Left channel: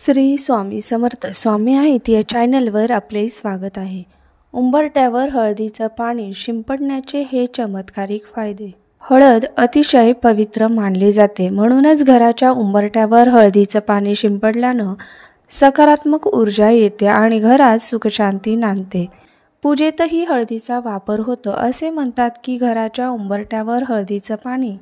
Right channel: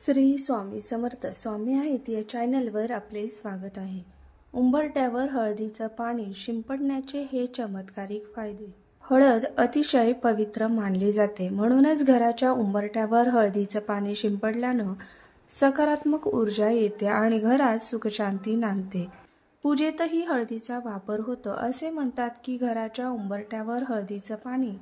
श्री स्वामी समर्थ स्वामी आहेत या चॅनलवर आपले स्वागत आहे। उंबरठ्यावर हळदीचं पाणी शिंपडण्याचे हे चमत्कारिक फायदे। हळद अतिशय पवित्र मानली जाते, म्हणूनच घराच्या उंबरठ्यावर हळदीचं पाणी शिंपडल्यानं सकारात्मक ऊर्जा येते आणि घरात सुखशांती नांदते। पूजेतही हळदीचा वापर होतो। असे म्हणतात की घराच्या उंबरठ्यावर हळदीचं पाणी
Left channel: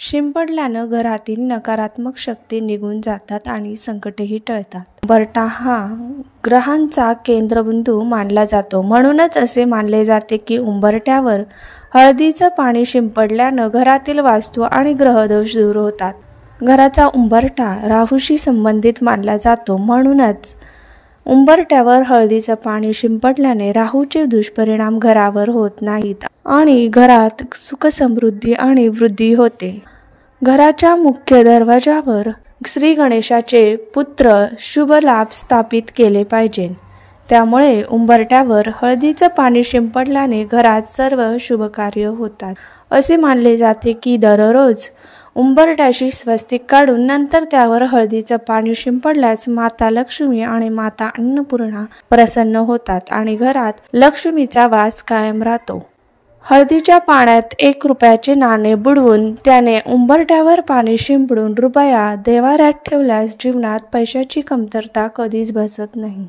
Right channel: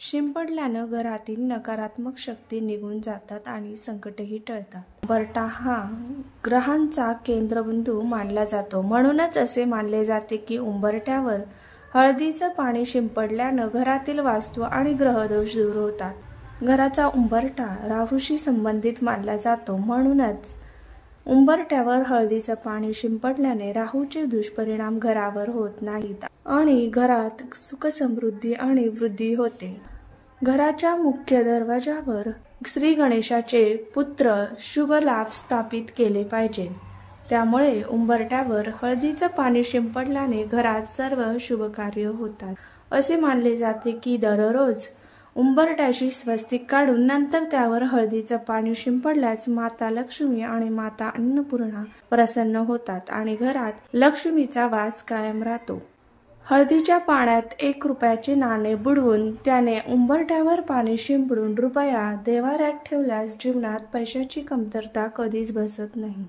शिंपडल्यानं घरातील नकारात्मक शक्ती निघून जातात आणि संकटेही टळतात। उंबरठा हा ग्रहांचा केंद्रबिंदू मानला जातो, म्हणूनच असे मानले जाते की उंबरठ्यावर हळदीचं पाणी शिंपडल्यानं घरातील वास्तू आणि ग्रहदोष दूर होतात। घराचा उंबरठा राहूशी संबंधित मानला जातो, म्हणूनच उंबरठ्यावर हळदीचं पाणी शिंपडल्याने राहूचे दुष्परिणाम घरावर होत नाहीत आणि घरात सुख समृद्धी आणि वृद्धी होते। घराच्या मुख्य दरवाजावर श्री गणेशाचे पुत्र शुभ लाभ स्थापित केले पाहिजे। त्यामुळे उंबरठ्यावर हळदीचं पाणी शिंपडल्याने घरात सर्व शुभ कार्य होतात। असे मानले जाते की दररोज उंबरठ्याशी स्वस्तिक काढून नंतर त्यावर हळदीचं पाणी शिंपडल्यास माता लक्ष्मी आणि माता अन्नपूर्णा प्रसन्न होतात आणि घरात लक्ष्मीचा वास कायम राहतो। हळदीच्या पाण्यात 1 रुपयाचे नाणे बुडवून त्याने उंबरठ्यावर पाणी शिंपडून रुपया देव्हाऱ्यात ठेवल्यास जीवनात पैशाची कमतरता कधीच भासत नाही।